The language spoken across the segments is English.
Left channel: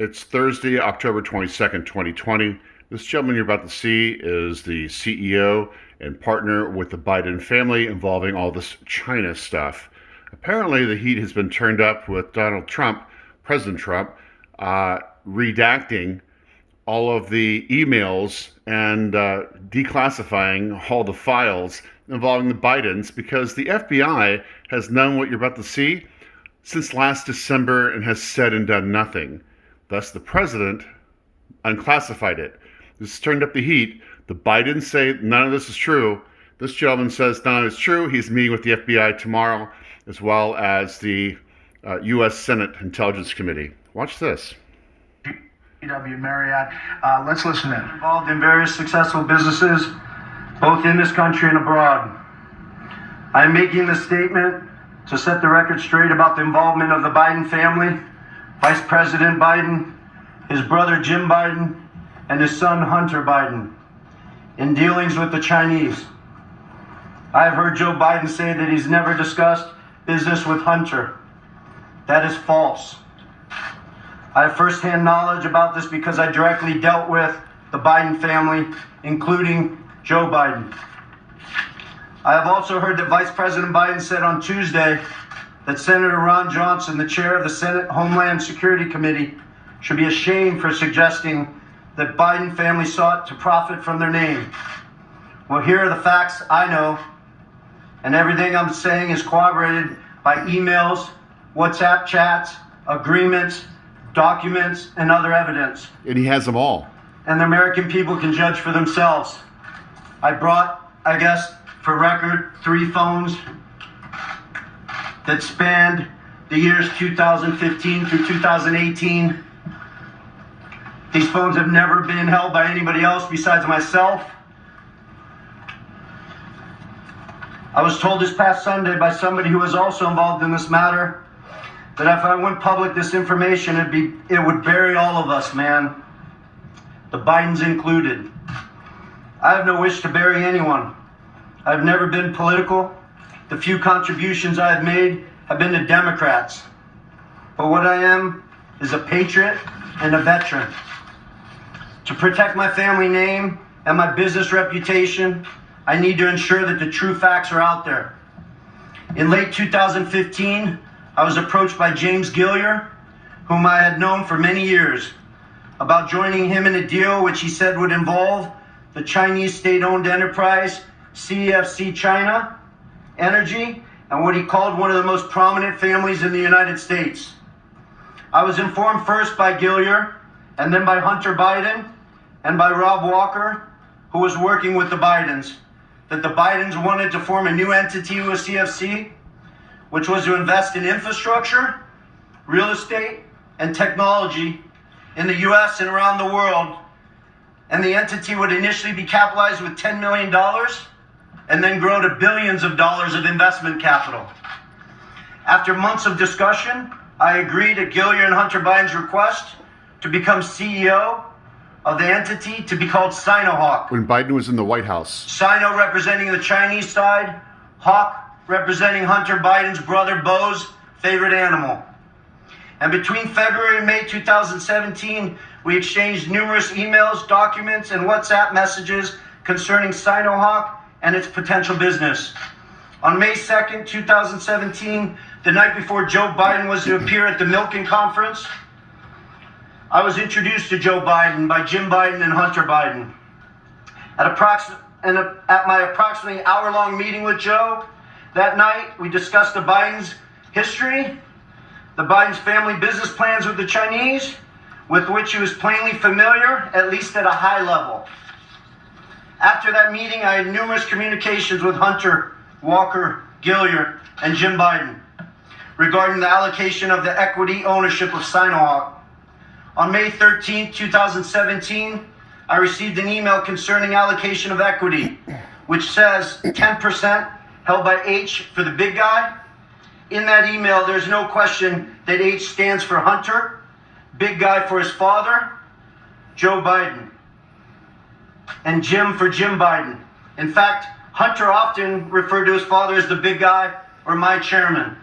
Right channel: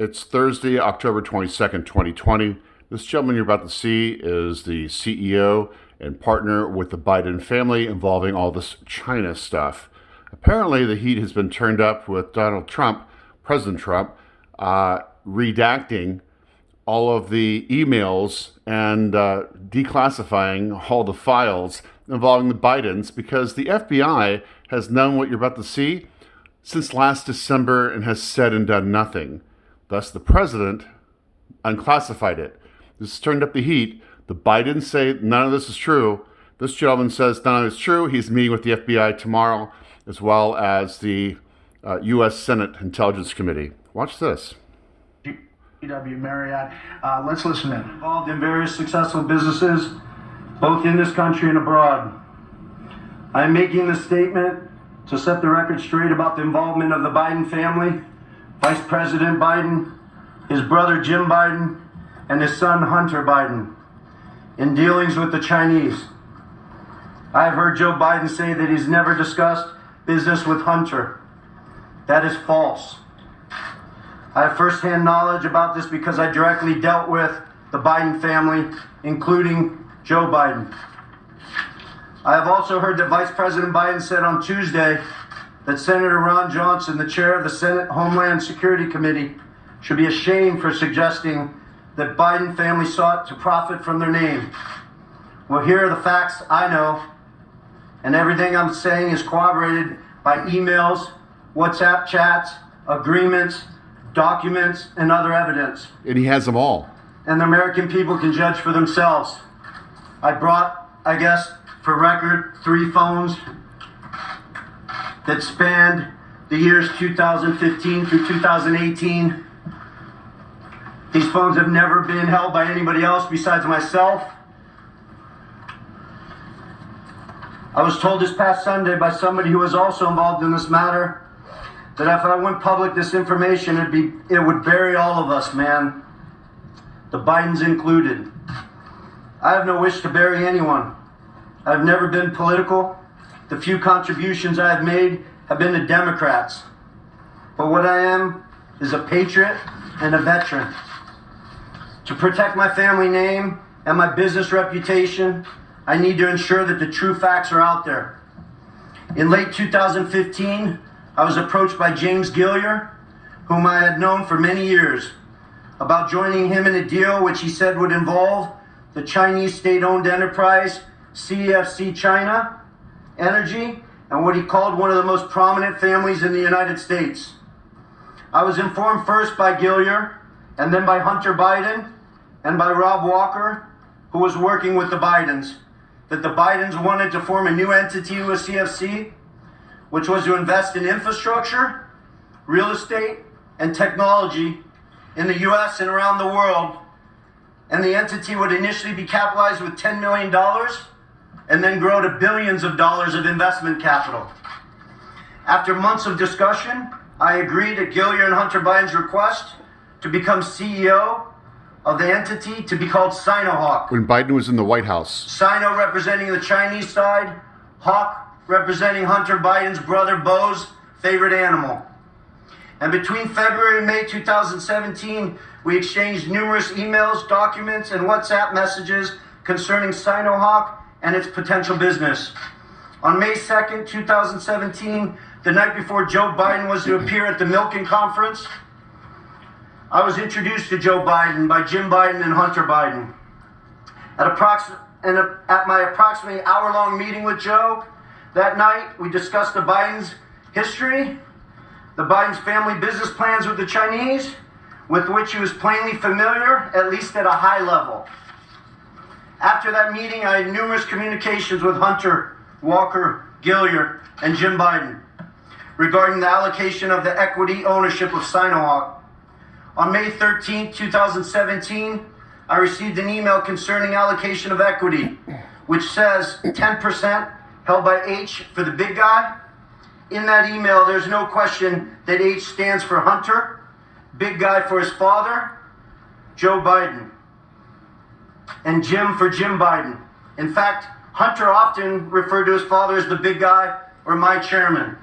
It's Thursday, October 22nd, 2020. This gentleman you're about to see is the CEO and partner with the Biden family involving all this China stuff. Apparently, the heat has been turned up with Donald Trump, President Trump, redacting all of the emails and declassifying all the files involving the Bidens because the FBI has known what you're about to see since last December and has said and done nothing. Thus, the president unclassified it. This has turned up the heat. The Bidens say none of this is true. This gentleman says none of it's true. He's meeting with the FBI tomorrow, as well as the U.S. Senate Intelligence Committee. Watch this. W. Marriott. Let's listen in. Involved in various successful businesses, both in this country and abroad. I am making this statement to set the record straight about the involvement of the Biden family, Vice President Biden, his brother Jim Biden, and his son Hunter Biden in dealings with the Chinese. I have heard Joe Biden say that he's never discussed business with Hunter. That is false. I have firsthand knowledge about this because I directly dealt with the Biden family, including Joe Biden. I have also heard that Vice President Biden said on Tuesday that Senator Ron Johnson, the chair of the Senate Homeland Security Committee, should be ashamed for suggesting that Biden family sought to profit from their name. Well, here are the facts I know, and everything I'm saying is corroborated by emails, WhatsApp chats, agreements, documents, and other evidence. And he has them all. And the American people can judge for themselves. I brought, I guess, for record, 3 phones that spanned the years 2015 through 2018. These phones have never been held by anybody else besides myself. I was told this past Sunday by somebody who was also involved in this matter that if I went public this information, it would bury all of us, man. The Bidens included. I have no wish to bury anyone. I've never been political. The few contributions I have made have been to Democrats. But what I am is a patriot and a veteran. To protect my family name and my business reputation, I need to ensure that the true facts are out there. In late 2015, I was approached by James Gilliar, whom I had known for many years, about joining him in a deal which he said would involve the Chinese state-owned enterprise CEFC China Energy and what he called one of the most prominent families in the United States. I was informed first by Gilliar and then by Hunter Biden and by Rob Walker, who was working with the Bidens, that the Bidens wanted to form a new entity with CFC, which was to invest in infrastructure, real estate, and technology in the US and around the world. And the entity would initially be capitalized with $10 million and then grow to billions of dollars of investment capital. After months of discussion, I agreed at Gilliar and Hunter Biden's request to become CEO of the entity to be called Sinohawk. When Biden was in the White House. Sino representing the Chinese side, Hawk representing Hunter Biden's brother Bo's favorite animal. And between February and May 2017, we exchanged numerous emails, documents, and WhatsApp messages concerning Sinohawk and its potential business. On May 2nd, 2017, the night before Joe Biden was to appear at the Milken Conference, I was introduced to Joe Biden by Jim Biden and Hunter Biden. At my approximately hour-long meeting with Joe that night, we discussed the Biden's history, the Biden's family business plans with the Chinese, with which he was plainly familiar, at least at a high level. After that meeting, I had numerous communications with Hunter, Walker, Gilliar, and Jim Biden regarding the allocation of the equity ownership of Sinohawk. On May 13, 2017, I received an email concerning allocation of equity, which says 10% held by H for the big guy. In that email, there's no question that H stands for Hunter, big guy for his father, Joe Biden, and Jim for Jim Biden. In fact, Hunter often referred to his father as the big guy or my chairman.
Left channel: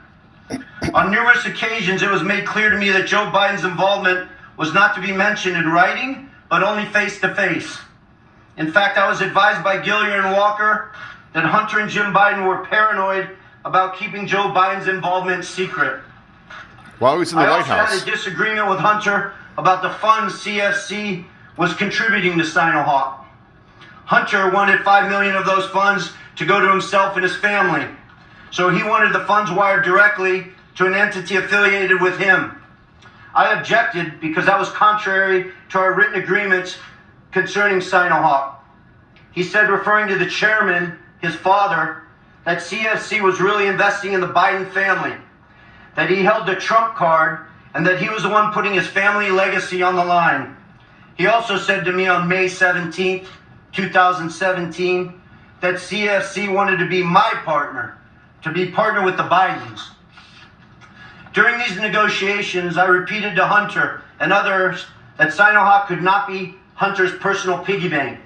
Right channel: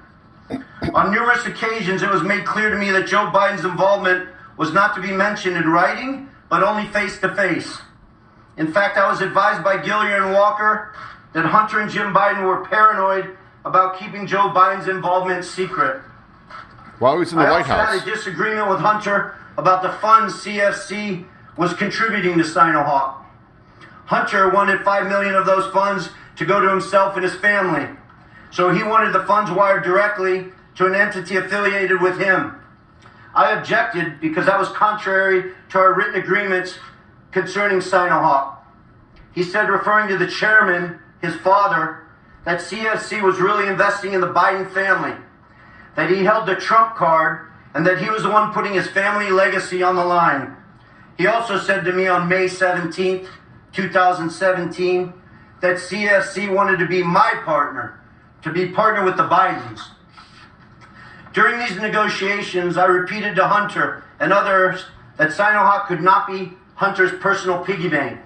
On numerous occasions, it was made clear to me that Joe Biden's involvement was not to be mentioned in writing, but only face to face. In fact, I was advised by Gillier and Walker that Hunter and Jim Biden were paranoid about keeping Joe Biden's involvement secret. While he was in the White I also House. had a disagreement with Hunter about the funds CFC was contributing to Sinohawk. Hunter wanted $5 million of those funds to go to himself and his family. So he wanted the funds wired directly to an entity affiliated with him. I objected because that was contrary to our written agreements concerning Sinohawk. He said, referring to the chairman, his father, that CFC was really investing in the Biden family, that he held the Trump card, and that he was the one putting his family legacy on the line. He also said to me on May 17th, 2017, that CFC wanted to be my partner, to be partner with the Bidens. During these negotiations, I repeated to Hunter and others that Sinohawk could not be Hunter's personal piggy bank.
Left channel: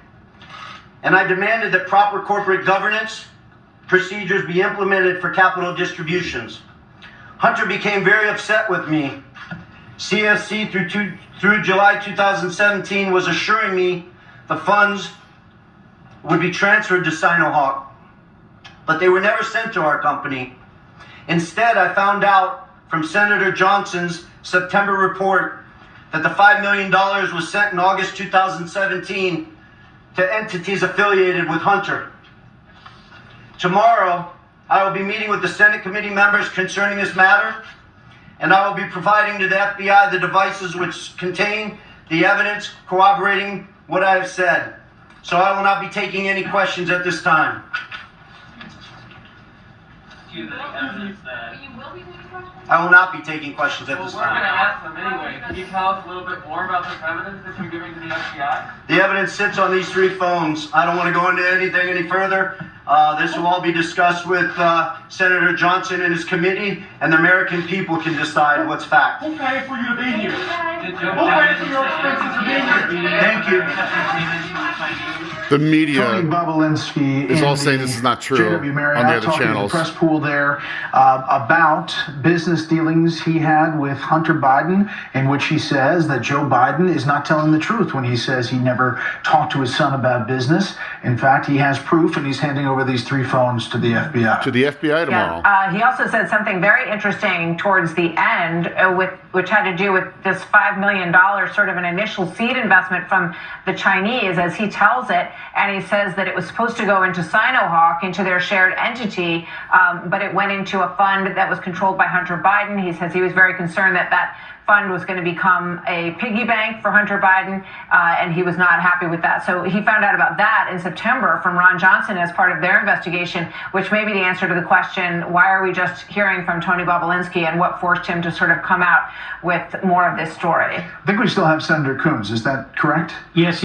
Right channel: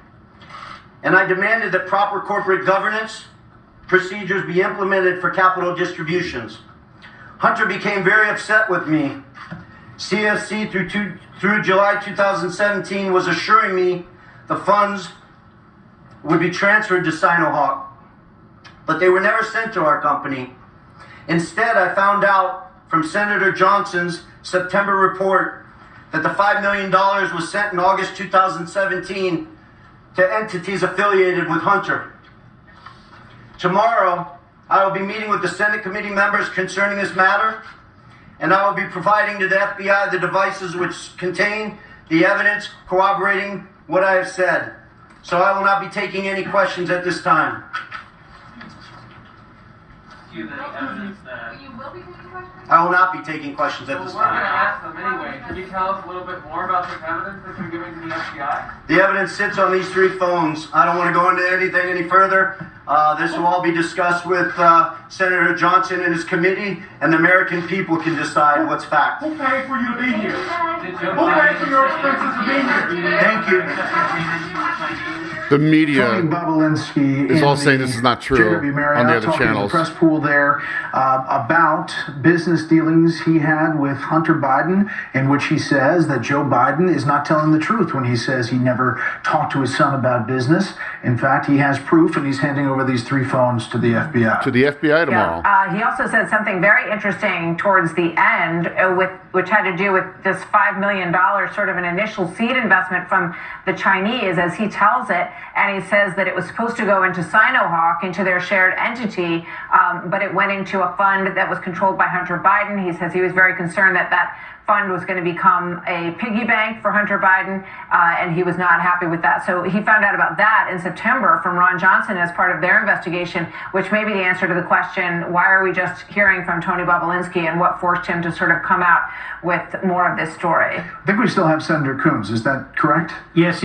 And I demanded that proper corporate governance procedures be implemented for capital distributions. Hunter became very upset with me. CFC through July 2017 was assuring me the funds would be transferred to Sinohawk, but they were never sent to our company. Instead, I found out from Senator Johnson's September report that the $5 million was sent in August 2017 to entities affiliated with Hunter. Tomorrow, I will be meeting with the Senate committee members concerning this matter, and I will be providing to the FBI the devices which contain the evidence corroborating what I have said. So I will not be taking any questions at this time. You have evidence that. You will be taking questions? I will not be taking questions at Well, this we're going to time. ask them anyway. Can you tell us a little bit more about this evidence that you're giving to the FBI? The evidence sits on these 3 phones. I don't want to go into anything any further. This will all be discussed with Senator Johnson and his committee, and the American people can decide what's fact. Who paid for you to be here? Did Who paid for your expenses to be here? Thank you. The Tony media Bobulinski is all in saying the this is not true JW Marriott on the other talking to channels. the press pool there about business dealings he had with Hunter Biden, in which he says that Joe Biden is not telling the truth when he says he never talked to his son about business. In fact, he has proof, and he's handing over these 3 phones to the FBI. To the FBI tomorrow. Yeah. He also said something very interesting towards the end, which had to do with this $5 million, sort of an initial seed investment from the Chinese, as he tells it. And he says that it was supposed to go into Sinohawk, into their shared entity, but it went into a fund that was controlled by Hunter Biden. He says he was very concerned that that fund was going to become a piggy bank for Hunter Biden, and he was not happy with that. So he found out about that in September from Ron Johnson as part of their investigation, which may be the answer to the question, why are we just hearing from Tony Bobulinski, and what forced him to sort of come out with more of this story? I think we still have Senator Coons. Is that correct? Yes.